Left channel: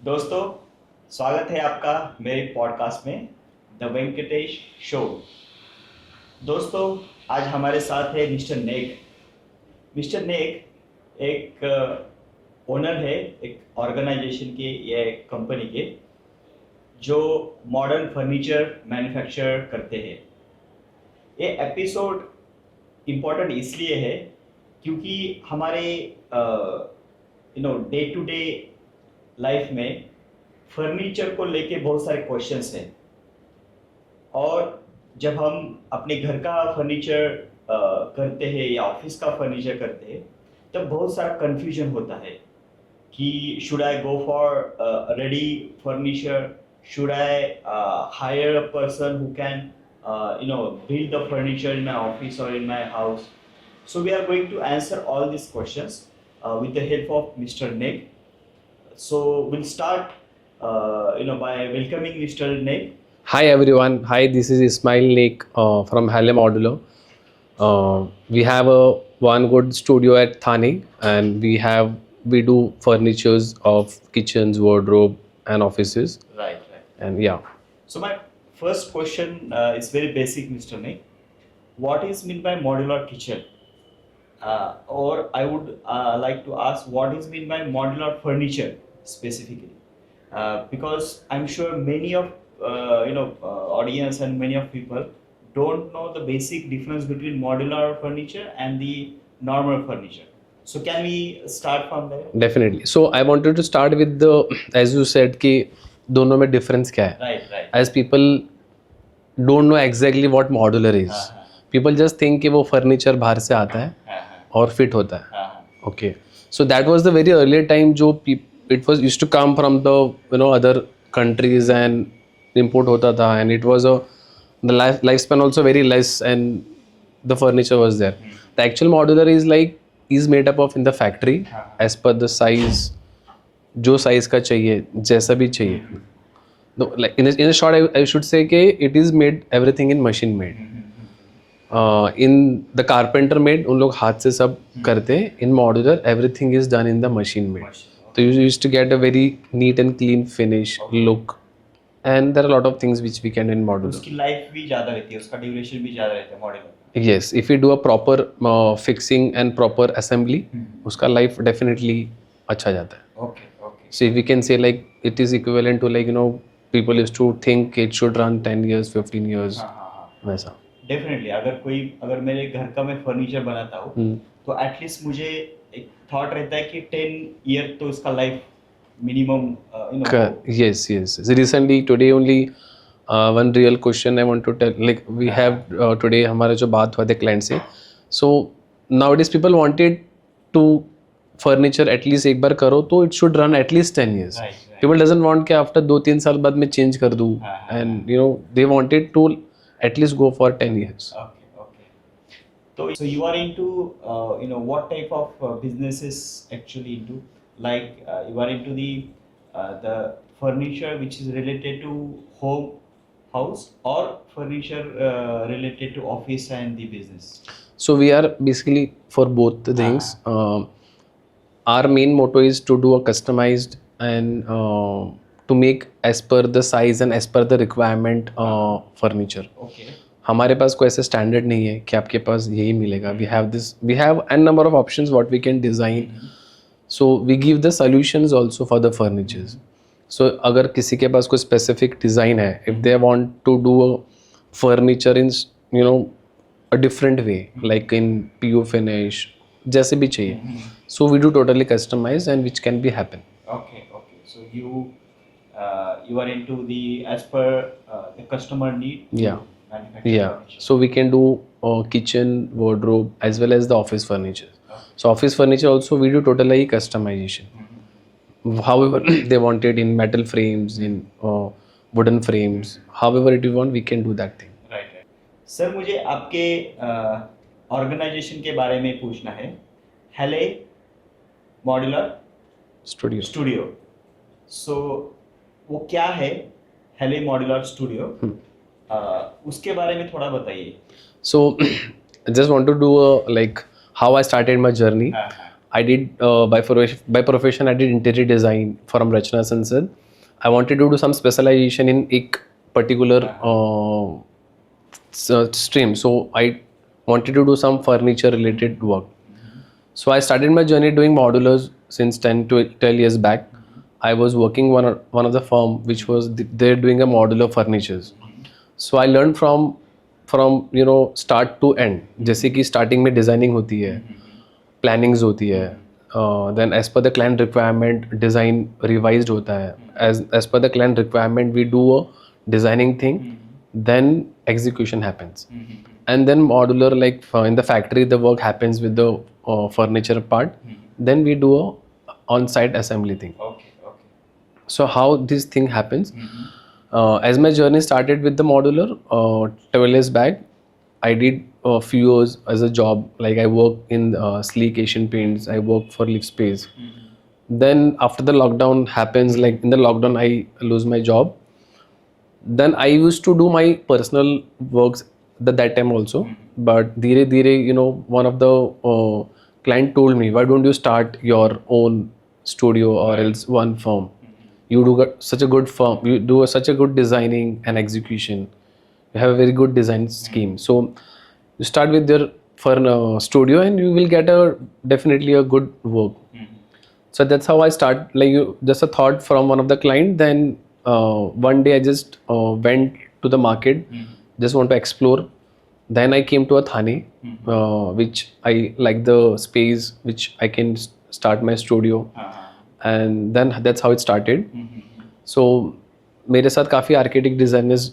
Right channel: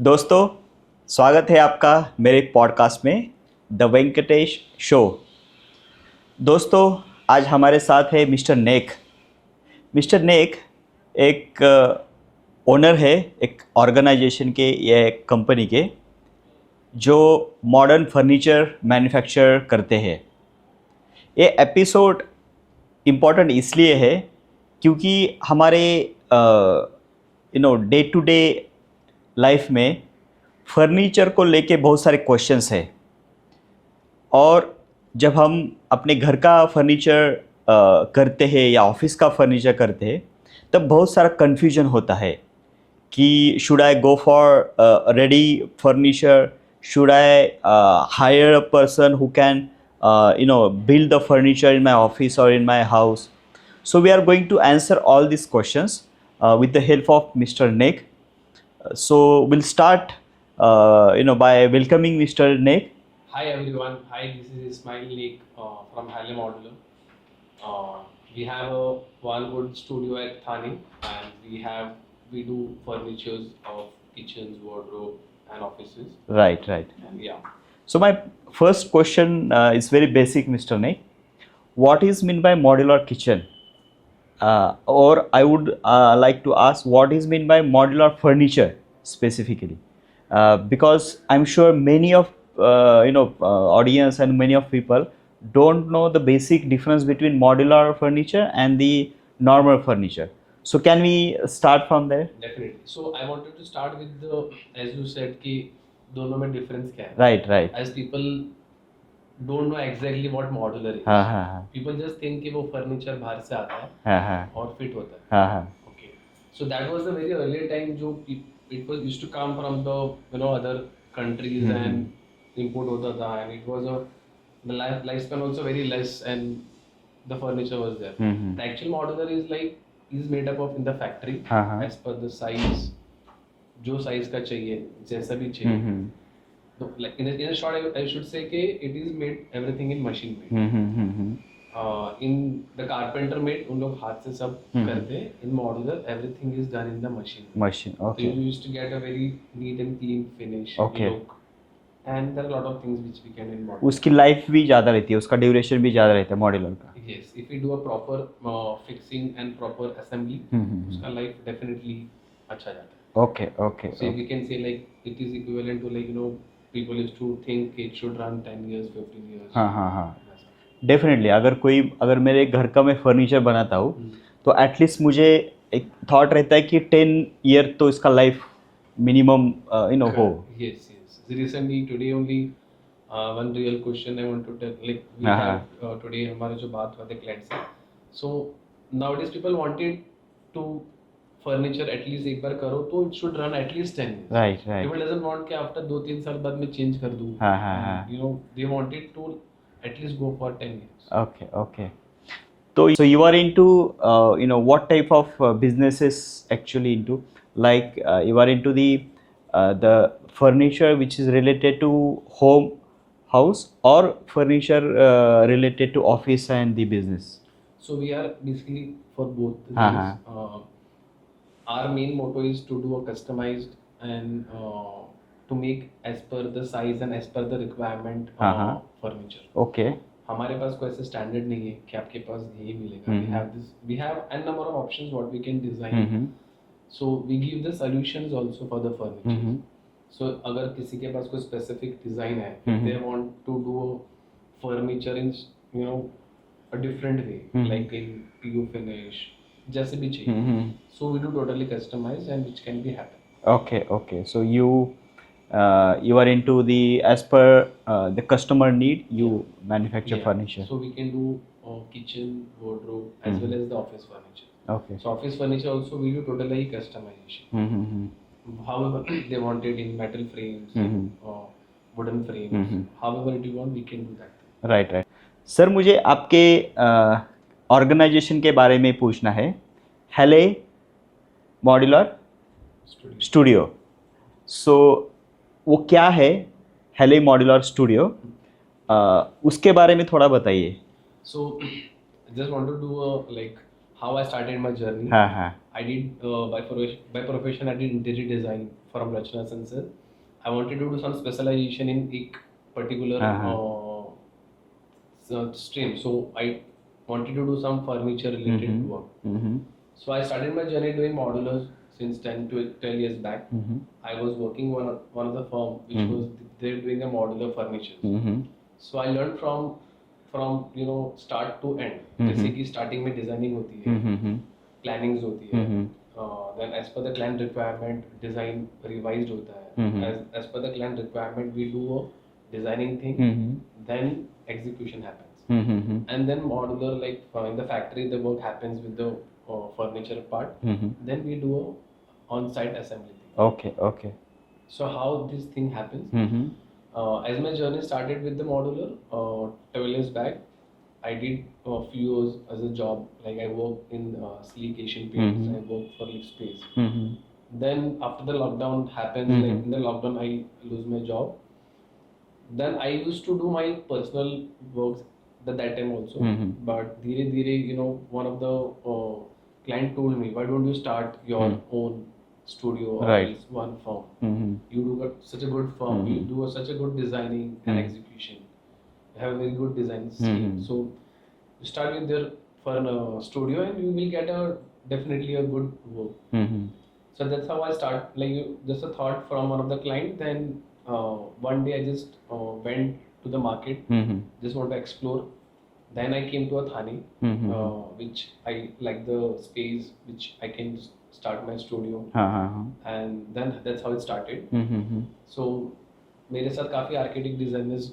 दोस्तों, स्वागत है आपका मेरे पॉडकास्ट में द वेंकटेश शो। दोस्तों, आज हमारे साथ है मिस्टर नेक। मिस्टर नेक एक ओनर है एक ऑर्गेनाइजेशन के या एक कंपनी के जो मॉडर्न फर्नीचर मैन्युफैक्चर करते हैं। ये एपिसोड इम्पोर्टेंट इसलिए है क्योंकि हमारे डे टू डे लाइफ में फर्नीचर को लेके बहुत सारे क्वेश्चंस हैं और जब हम अपने घर का फर्नीचर करते हैं या ऑफिस का फर्नीचर करते हैं तब बहुत सारा कन्फ्यूजन होता है कि should I go for ready furniture, should I hire a person who can build the furniture in my office or in my house. So we are going to answer all these questions with the help of Mr. Nick. So we'll start by welcoming Mr. Nick. Hi everyone. Hi, this is Ismail Nick from Modular. We have one good studio at Thane, and we do furnitures of kitchens, wardrobe, and offices. Right. And yeah. So my first question is very basic, Mr. Nick. What is meant by modular kitchen? Or I would like to ask what is meant by modular furniture specifically, because I'm sure many of audience and many of people don't know the basic difference between modular furniture and the normal furniture. So can we start from there? Definitely. So I wanted to start with the, as you said, कि दोनों में difference क्या है? Right. As people don't know exactly what modular is. People just think कि वो furniture बाहर से आता है और fit होता है. Okay. So that was the very earlier time जो it was used to come from the other countries and import होता था, and it was the lifespan also very less and the furniture was there. The actual modular is made up of in the factory as per the size, जो size का चाहिए, जैसा भी चाहिए. No, like in a short, I should say कि it is made everything in machine made. In the carpenter made उन लोग हाथ से सब करते हैं. In modular everything is done in the machine made. So you used to get a very neat and clean finish look. And there are a lot of things which we can do in modular. उसकी life भी ज़्यादा रहती है, उसका duration भी ज़्यादा रहता है मॉड्यूलर का. Yes, if we do a proper fixing and proper assembly, उसका life definitely अच्छा जाता है. Okay. So if we can say like it is equivalent to people used to think it should run 10 years, 15 years. वैसा. Definitely अगर मेरे घर का मैं फर्नीचर बनाता हूँ तो एटलीस्ट मुझे एक थॉट रहता है कि 10 ईयर तो इसका life minimum Yes. So recently today only one real question I want to tell, like we have today हमारा जो बात हुआ थे client से. So nowadays people wanted to furniture at least एक बार करो तो it should run at least 10 years. Right. People doesn't want कि after 2-3 साल बाद मैं change कर दूँ. And they wanted to at least go for 10 years. Okay. So you are into what type of businesses actually into, like you are into the furniture which is related to house or furniture related to office and the business? So we are basically for both the things. Our main motto is to do a customized and to make as per the size and as per the requirement furniture. Okay. हमारे पास कोई ऐसा standard नहीं है कि आपके पास यही मिलेगा. We have n number of options what we can design. So we give the solutions also for the furnitures. So अगर किसी के पास कोई specific design है, if they want to do a furniture in a different way, like in PU finish, जैसे भी चाहिए. So we do totally customized and which can be happen. Okay. So you are into the as per the customer need. You manufacture furniture. So we can do kitchen, wardrobe as well as the office furniture. Okay. So office furniture also we do totally customization. However they want it in metal frames, in wooden frames. However it you want, we can do that thing. Right. Sir, मुझे आपके organisation के बारे में पूछना है. हेले modular studio. सो वो क्या है हेले मॉड्यूलर स्टूडियो? उसके बारे में थोड़ा बताइए. So I just want to do like how I started my journey. I did by profession I did interior design from Rachna Sansad. I wanted to do some specialization in एक particular stream. So I wanted to do some furniture related work. So I started my journey doing modulars since 10 to 12 years back. I was working one of the firm which was they're doing a modular furnitures. So I learned from you know start to end. जैसे कि starting में designing होती है, plannings होती है, then as per the client requirement design revised होता है. As per the client requirement we do a designing thing, then execution happens, and then modular like in the factory the work happens with the furniture part, then we do a on-site assembly thing. Okay. So how this thing happens, as my journey started with the modular 12 years back, I did a few years as a job, like I worked in Sleek Asian Paints, I worked for Live Space. Then after the lockdown happens, like in the lockdown I lose my job. Then I used to do my personal works that time also. But dheere dheere, you know, one of the client told me, why don't you start your own studio or else one firm? You do such a good firm, you do such a good designing and execution. You have a very good design scheme. So you start with your studio and you will get definitely a good work. So that's how I start. Like just a thought from one of the client. Then one day I just went to the market, just want to explore. Then I came to a Thane, which I like the space which I can start my studio, and then that's how it started. So मेरे साथ काफ़ी architect designers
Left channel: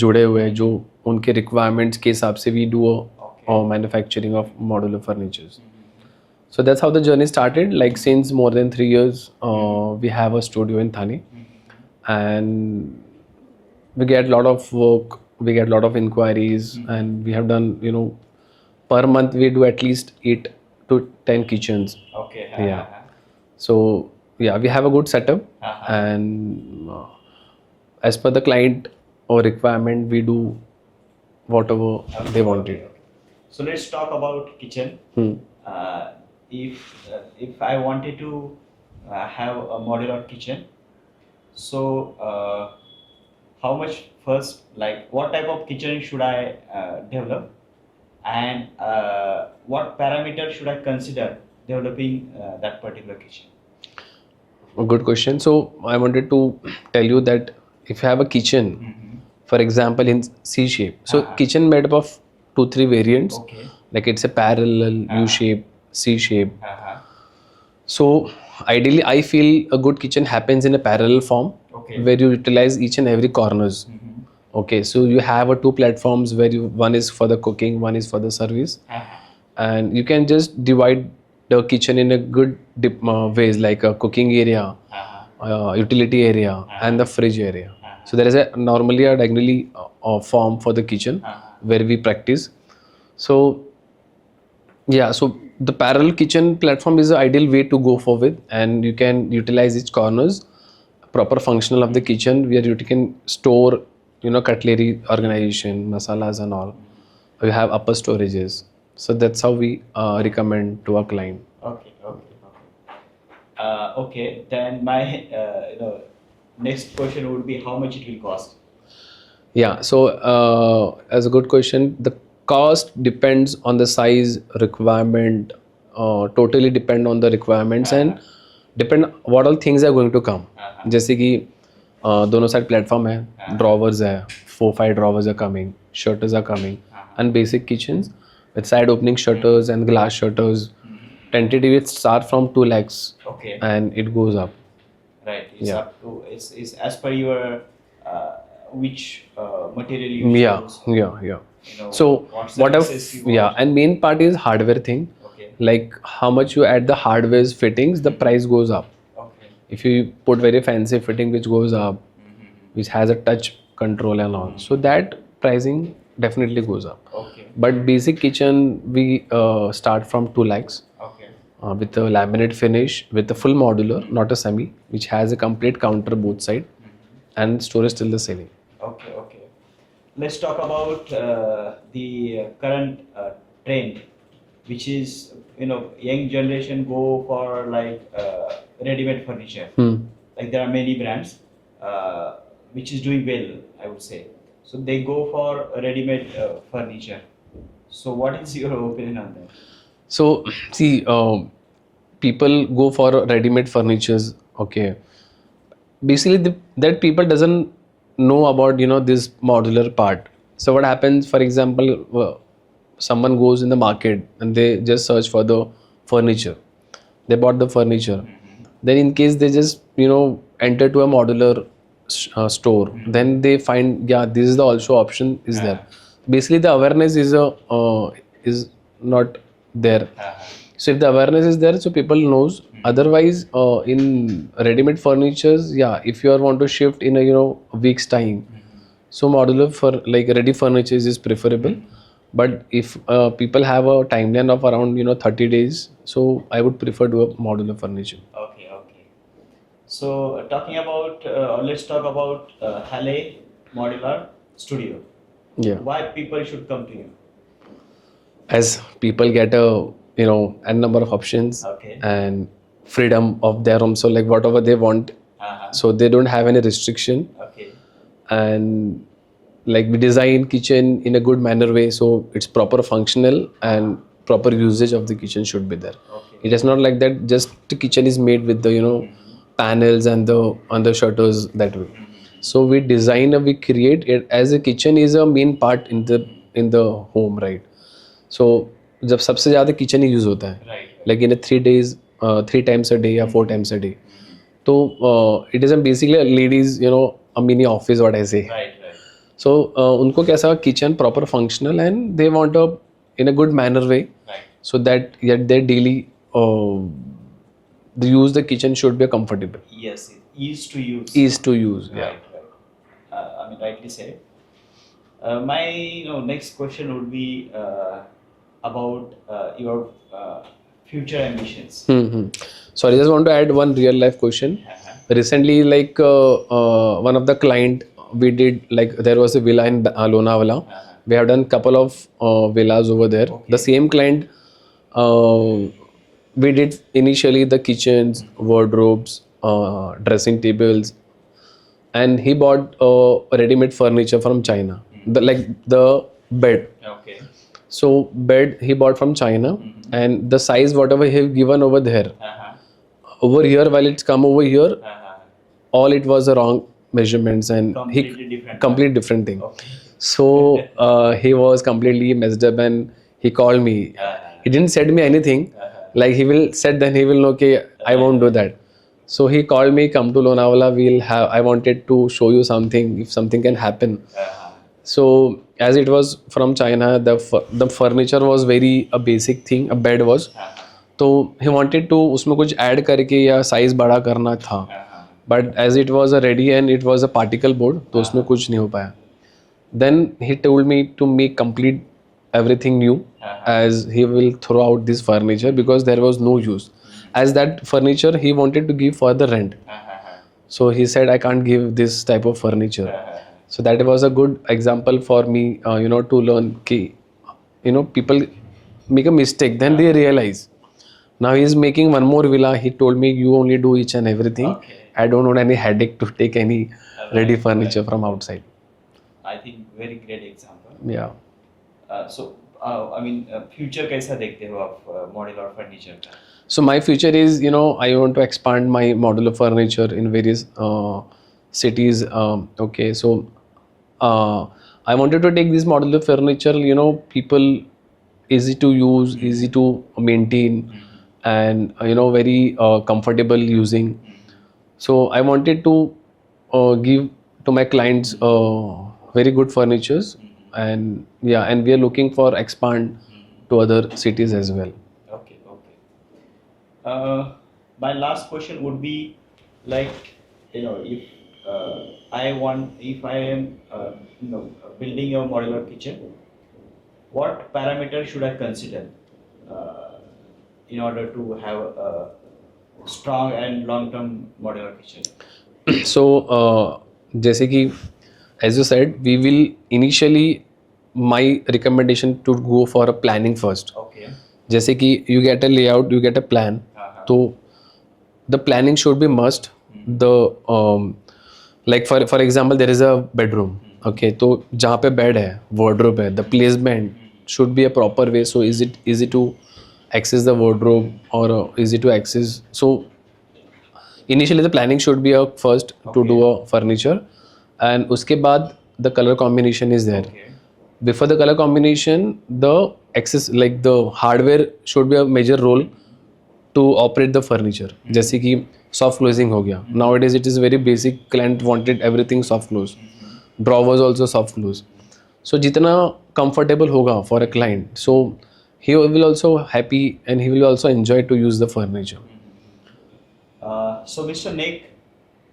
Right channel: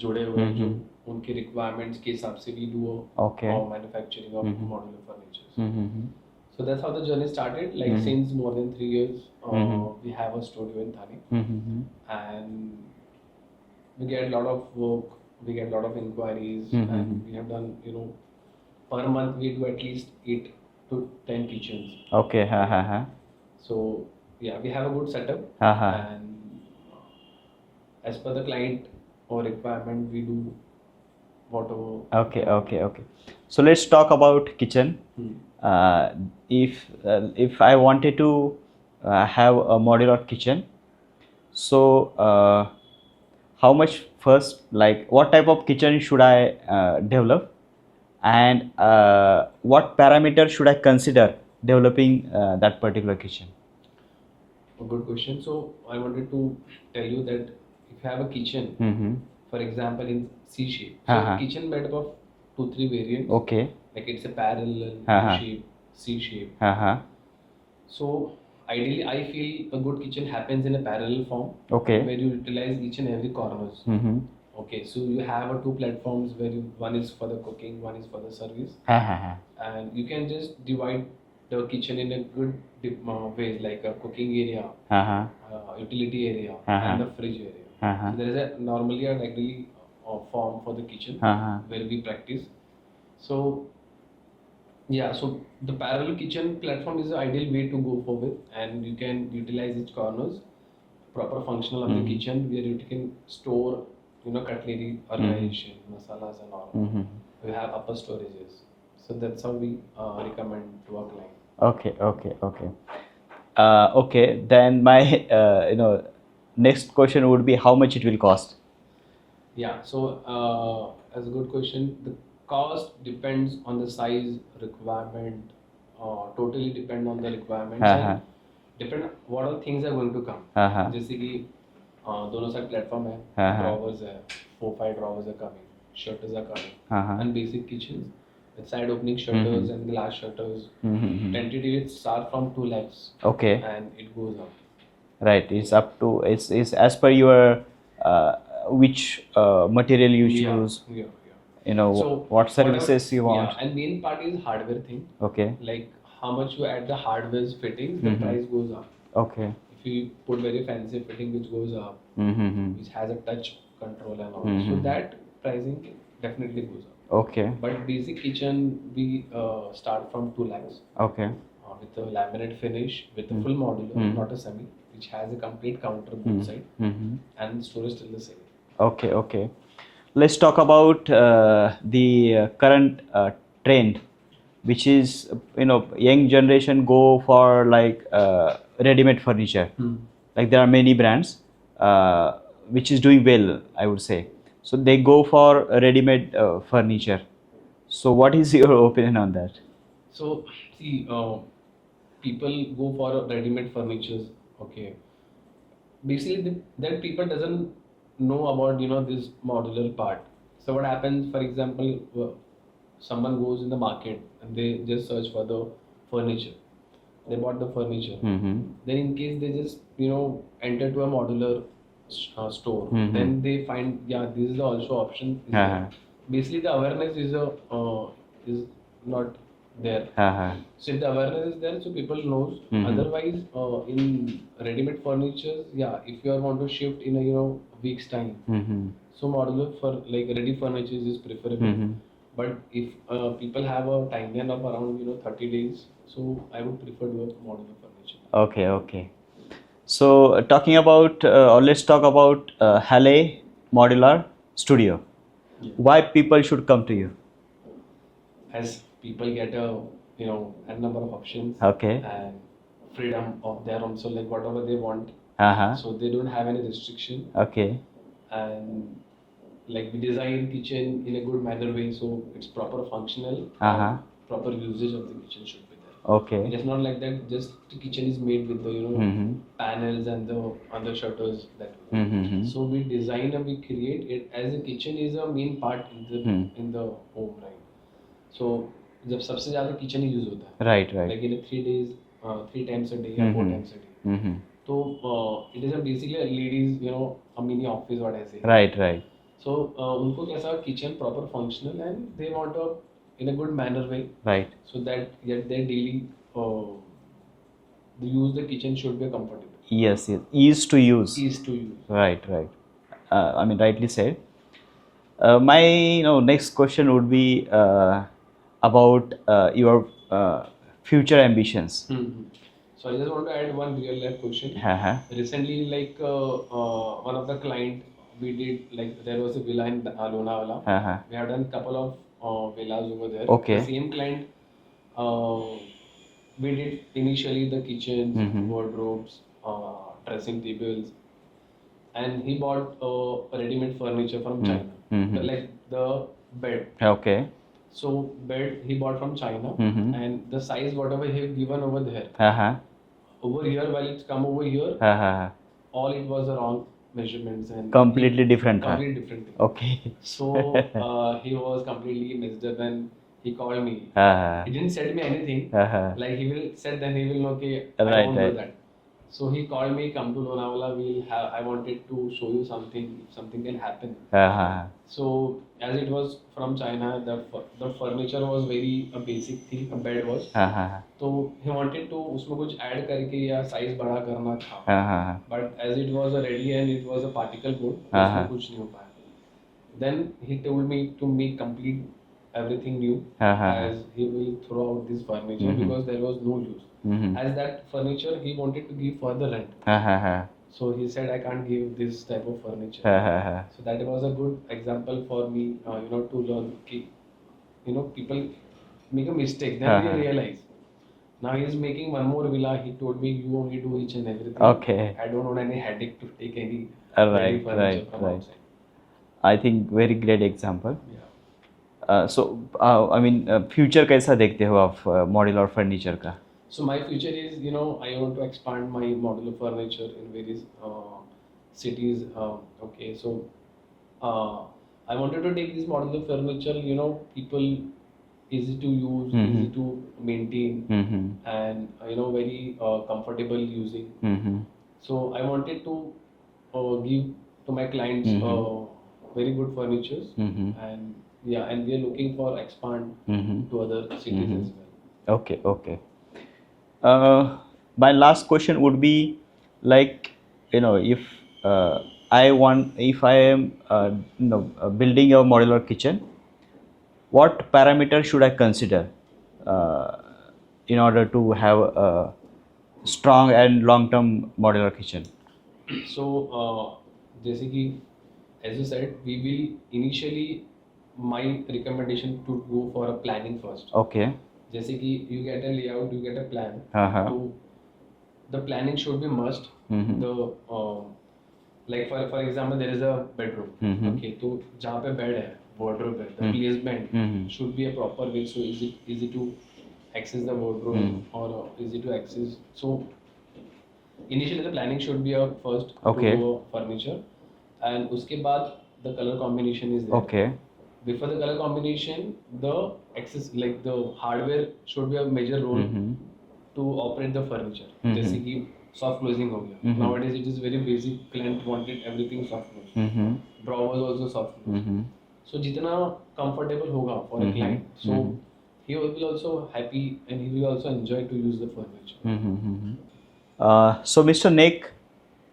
जुड़े हुए हैं जो उनके requirements के हिसाब से we do manufacturing of modular furnitures. So that's how the journey started. Like since more than 3 years, we have a studio in Thane, and we get a lot of work. We get a lot of inquiries, and we have done, you know, per month we do at least 8 to 10 kitchens. Okay. So yeah, we have a good setup, and as per the client or requirement, we do whatever they want. Okay. So let's talk about kitchen. If I wanted to have a modular kitchen, so how much first, like what type of kitchen should I develop, and what parameter should I consider developing that particular kitchen? A good question. So I wanted to tell you that if you have a kitchen, for example in C shape, so kitchen made up of 2-3 variants. Okay. Like it's a parallel, U shape, C shape. So ideally I feel a good kitchen happens in a parallel form, where you utilize each and every corners. Okay, so you have 2 platforms where one is for the cooking, one is for the service, and you can just divide the kitchen in a good ways, like a cooking area, utility area, and the fridge area. So there is normally a diagonally form for the kitchen where we practice. So yeah, so the parallel kitchen platform is the ideal way to go forward, and you can utilize each corners, proper functional of the kitchen, where you can store, you know, cutlery organization, masalas and all. You have upper storages. So that's how we recommend to our client. Okay. Then my next question would be how much it will cost. Yeah. So as a good question, the cost depends on the size, requirement. Totally depend on the requirements and depend what all things are going to come. जैसे कि दोनों side platform है, drawers है, 4-5 drawers are coming, shutters are coming, and basic kitchens with side opening shutters and glass shutters. Tentatively it start from 2 lakhs. Okay. And it goes up. Right. It's up to it's as per your which material you choose. Yeah. You know, so what services you want. Yeah, and main part is hardware thing. Okay. Like how much you add the hardware's fittings, the price goes up. Okay. If you put very fancy fitting which goes up, which has a touch control and all, so that pricing definitely goes up. Okay. But basic kitchen we start from 2 lakhs. Okay. With a laminate finish, with a full modular, not a semi, which has a complete counter both side, and storage till the ceiling. Okay. Let's talk about the current trend which is, young generation go for like ready-made furniture. Like there are many brands which is doing well, I would say. So they go for ready-made furniture. So what is your opinion on that? So see, people go for ready-made furnitures. Okay, basically that people doesn't know about this modular part. So what happens, for example, someone goes in the market and they just search for the furniture. They bought the furniture. Then in case they just enter to a modular store, then they find, yeah, this is the also option is there. Basically the awareness is not there. So if the awareness is there, so people knows. Otherwise, in ready-made furnitures, yeah, if you are want to shift in a week's time, so modular for like ready furniture is preferable. But if people have a timeline of around 30 days, so I would prefer to a modular furniture. Okay. So talking about, or let's talk about Halle Modular Studio. Yeah. Why people should come to you? As people get a n number of options. Okay. And freedom of their home, so like whatever they want, so they don't have any restriction. Okay. And like we design kitchen in a good manner way, so it's proper functional and proper usage of the kitchen should be there. Okay. It is not like that just the kitchen is made with the panels and the shutters that way. So we design we create it as a kitchen is a main part in the home, right? So जब सबसे ज़्यादा kitchen ही use होता है, right. Like in a 3 days, 3 times a day या 4 times a day. तो it is basically a ladies a mini office, what I say. Right. So उनको कैसा kitchen proper functional and they want a in a good manner way. Right. So that yet their daily the use the kitchen should be comfortable. Yes. Ease to use. Right. I mean, rightly said. My next question would be about your future ambitions. So I just want to add one real life question. Recently, like one of the client we did, like there was a villa in Lonavala. We have done couple of villas over there. Okay. The same client, we did initially the kitchens, wardrobes, dressing tables, and he bought ready-made furniture from China. The bed. Okay. So bed he bought from China, and the size whatever he given over there, over here while it's come over here, all it was the wrong measurements and completely different. Complete different thing. Okay. So he was completely messed up and he called me. He didn't said me anything. Like he will said then he will know okay, I won't do that. So he called me, come to Lonavala, I wanted to show you something, if something can happen. So as it was from China, the furniture was very a basic thing, a bed was. तो he wanted to उसमें कुछ add करके या size बड़ा करना था, but as it was a ready and it was a particle board, तो उसमें कुछ नहीं हो पाया. Then he told me to make complete everything new, as he will throw out this furniture because there was no use. As that furniture he wanted to give for the rent. So he said I can't give this type of furniture. So that was a good example for me, to learn कि people make a mistake, then they realize. Now he is making one more villa. He told me you only do each and everything. Okay. I don't want any headache to take any ready furniture from outside. I think very great example. Yeah. So I mean, future कैसा देखते हो आप modular furniture का? So my future is, I want to expand my modular furniture in various cities. Okay, so I wanted to take this modular furniture, people easy to use, easy to maintain, and very comfortable using. So I wanted to give to my clients very good furnitures, and we are looking for expand to other cities as well. Okay. My last question would be like, if I am building a modular kitchen, what parameter should I consider in order to have a strong and long-term modular kitchen? So, जैसे कि as you said, we will initially, my recommendation to go for a planning first. Okay. जैसे कि you get a layout, you get a plan, तो the planning should be must. The like for example there is a bedroom, okay, तो जहाँ पे bed है, wardrobe है, the placement should be a proper way. So is it easy to access the wardrobe or easy to access? So initially the planning should be a first to do a furniture, and उसके बाद the color combination is there. Okay. Before the color combination, the access like the hardware should be a major role to operate the furniture. जैसे कि soft closing हो गया. Nowadays it is very basic. Client wanted everything soft close. Drawers also soft close. So जितना comfortable होगा for a client, so he will also happy and he will also enjoy to use the furniture. So Mr. Nick,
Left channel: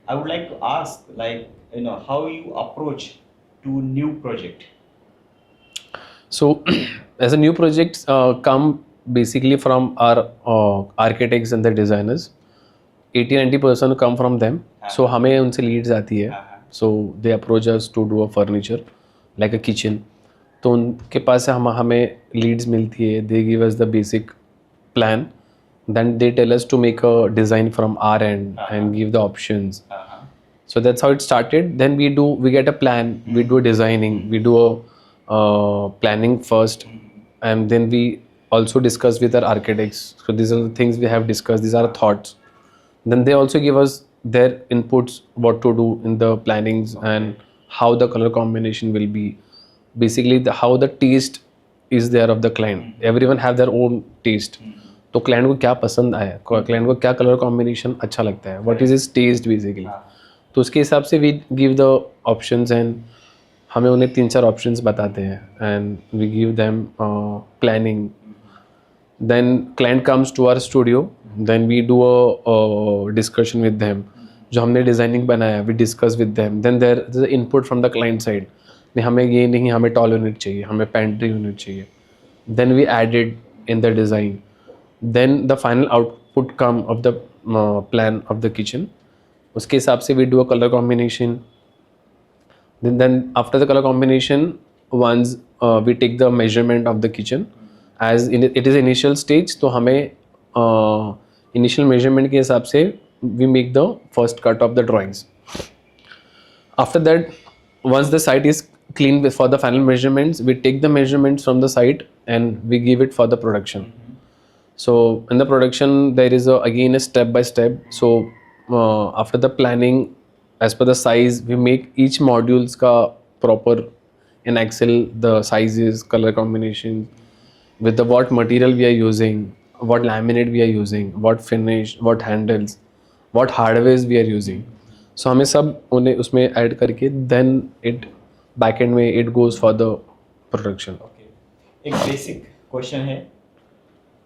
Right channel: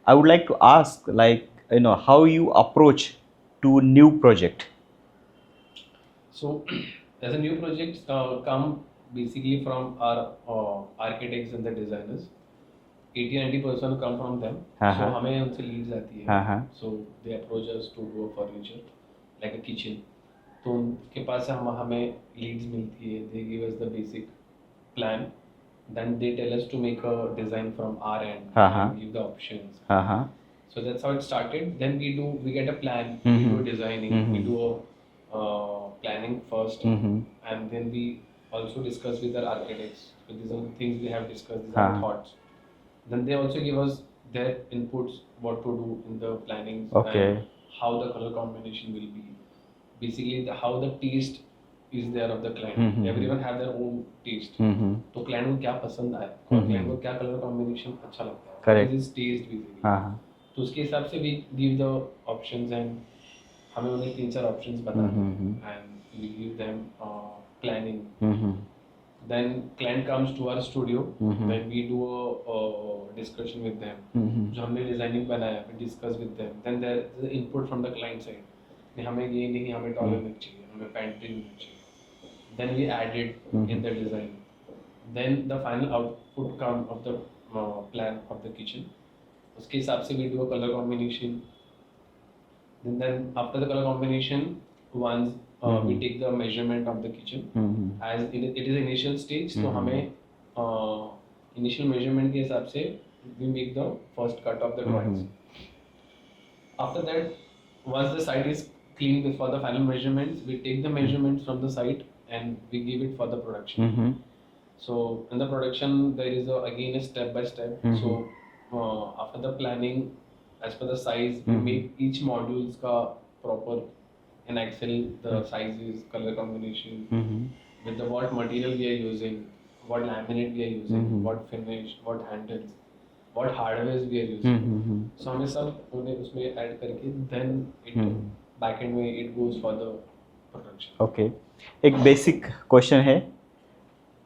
I would like to ask, like, how you approach to new project. So as a new projects come basically from our architects and the designers. 80-90% come from them. So हमें उनसे leads आती है. So they approach us to do a furniture like a kitchen. तो उनके पास से हमें leads मिलती है. They give us the basic plan. Then they tell us to make a design from our end and give the options. So that's how it started. Then we get a plan. We do designing. We do a planning first, and then we also discuss with our architects. So these are the things we have discussed. These are thoughts. Then they also give us their inputs, what to do in the plannings and how the color combination will be. Basically, how the taste is there of the client. Everyone have their own taste. तो client को क्या पसंद आया, client को क्या color combination अच्छा लगता है, what is his taste basically. तो उसके हिसाब से we give the options and हमें उन्हें 3-4 options बताते हैं and we give them planning. Then client comes to our studio. Then we do a discussion with them. जो हमने designing बनाया, we discuss with them. Then there is the input from the client side. नहीं हमें ये नहीं, हमें tall unit चाहिए, हमें pantry unit चाहिए. Then we added in the design. Then the final output come of the plan of the kitchen. उसके हिसाब से we do a color combination. Then after the color combination, once we take the measurement of the kitchen, as it is initial stage, तो हमें initial measurement के हिसाब से we make the first cut of the drawings. After that, once the site is clean for the final measurements, we take the measurements from the site and we give it for the production. So in the production, there is again a step by step. So after the planning, as per the size, we make each modules ka proper in Excel, the sizes, color combinations, with the what material we are using, what laminate we are using, what finish, what handles, what hardwares we are using. So हमें सब उन्हें उसमें add करके then it backend में it goes for the production. Okay. एक basic question है,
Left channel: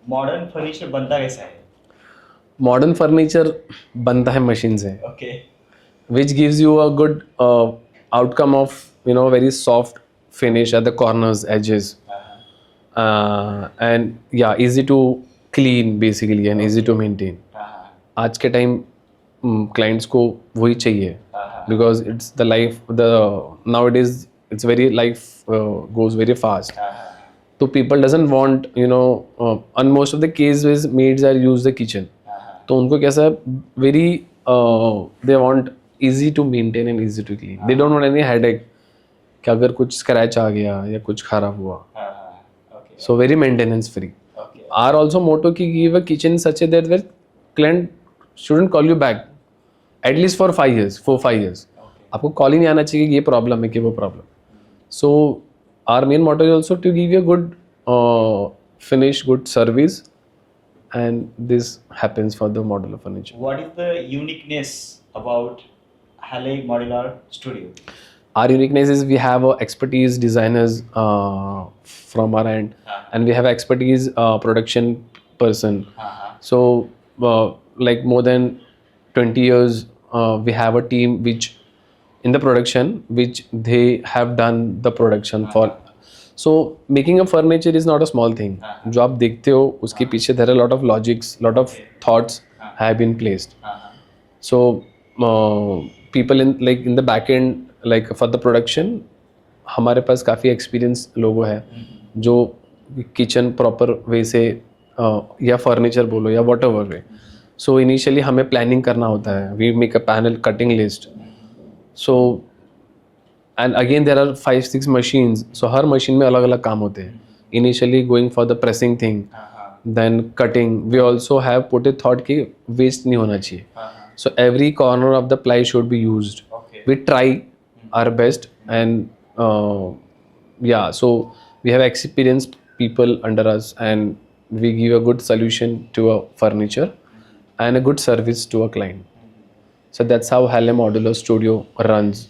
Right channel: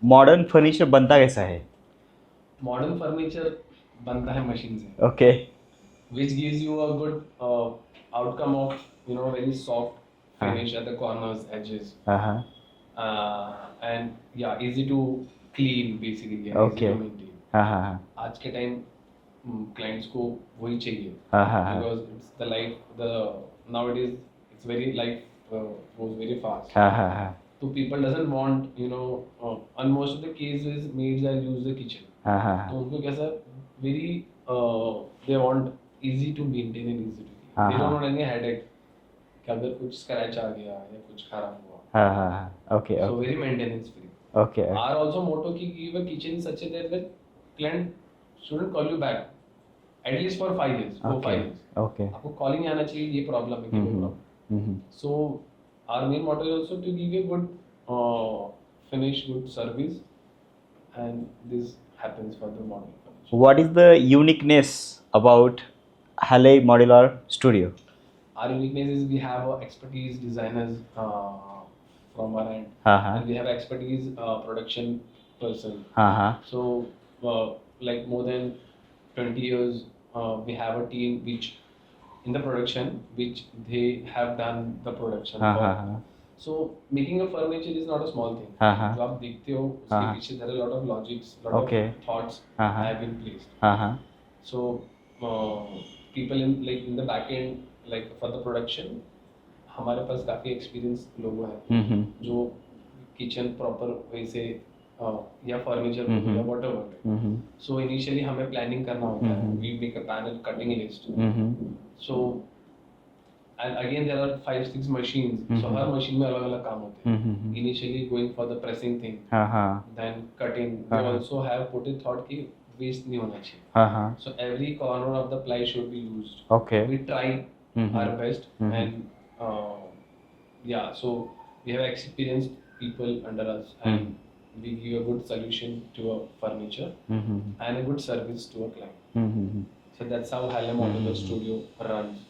modern furniture बनता कैसा है? Modern furniture बनता है machine से. Okay. Which gives you a good outcome of very soft finish at the corners, edges, and yeah, easy to clean basically and easy to maintain. आज के time clients को वही चाहिए because it's the life, nowadays it's very life goes very fast. So people doesn't want on most of the cases maids are use the kitchen. तो उनको कैसा very they want easy to maintain and easy to clean. They don't want any headache कि अगर कुछ scratch आ गया या कुछ खराब हुआ. Okay. So very maintenance free. Okay. Our also motto कि give a kitchen such a that where client shouldn't call you back at least for 5 years, 4-5 years. Okay. आपको कॉल ही नहीं आना चाहिए कि ये प्रॉब्लम है कि वो problem. So our main motto is also to give you a good finish, good service, and this happens for the modular furniture. What is the uniqueness about Halle Modular Studio? Our uniqueness is we have expertise designers from our end, and we have expertise production person. So like more than 20 years we have a team which in the production which they have done the production for. So making a furniture is not a small thing. जो आप देखते हो उसके पीछे there are a lot of logics, lot of thoughts have been placed. So people in the back end like for the production हमारे पास काफ़ी experience लोगों हैं जो किचन प्रॉपर वे से या फर्नीचर बोलो या whatever way. So initially हमें प्लानिंग करना होता है. We make a panel cutting list. So and again there are 5-6 machines. So हर मशीन में अलग अलग काम होते हैं. Initially going for the pressing thing, then cutting. We also have put it thought कि वेस्ट नहीं होना चाहिए. So every corner of the ply should be used. We try our best. And yeah, so we have experienced people under us, and we give a good solution to a furniture and a good service to a client. So that's how Halle Modular Studio runs.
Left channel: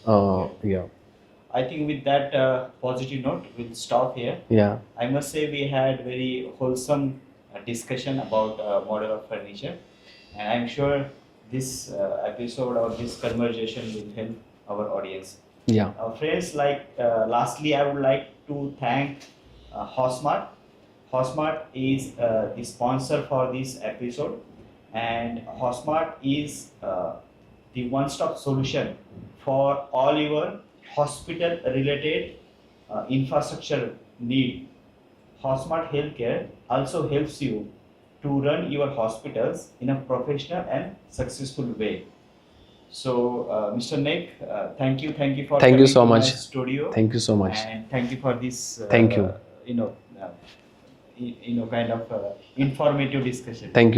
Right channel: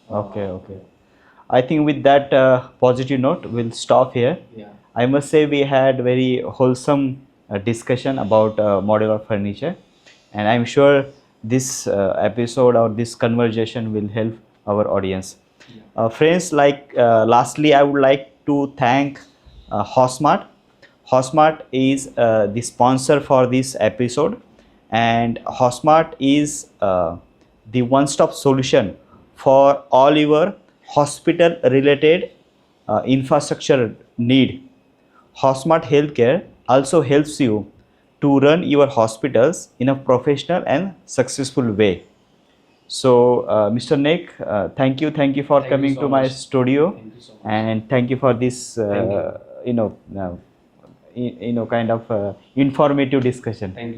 Yeah. I think with that positive note, we'll stop here. Yeah. I must say we had very wholesome discussion about modular furniture, and I'm sure this episode or this conversation will help our audience. Yeah. Friends, lastly, I would like to thank Hosmart. Hosmart is the sponsor for this episode, and Hosmart is the one-stop solution for all your hospital-related infrastructure need. Hosmart Healthcare also helps you to run your hospitals in a professional and successful way. So, Mr. Nick, thank you for coming so to my much. studio. Thank you so much. And thank you for this. Thank you. Kind of informative discussion. Thank you.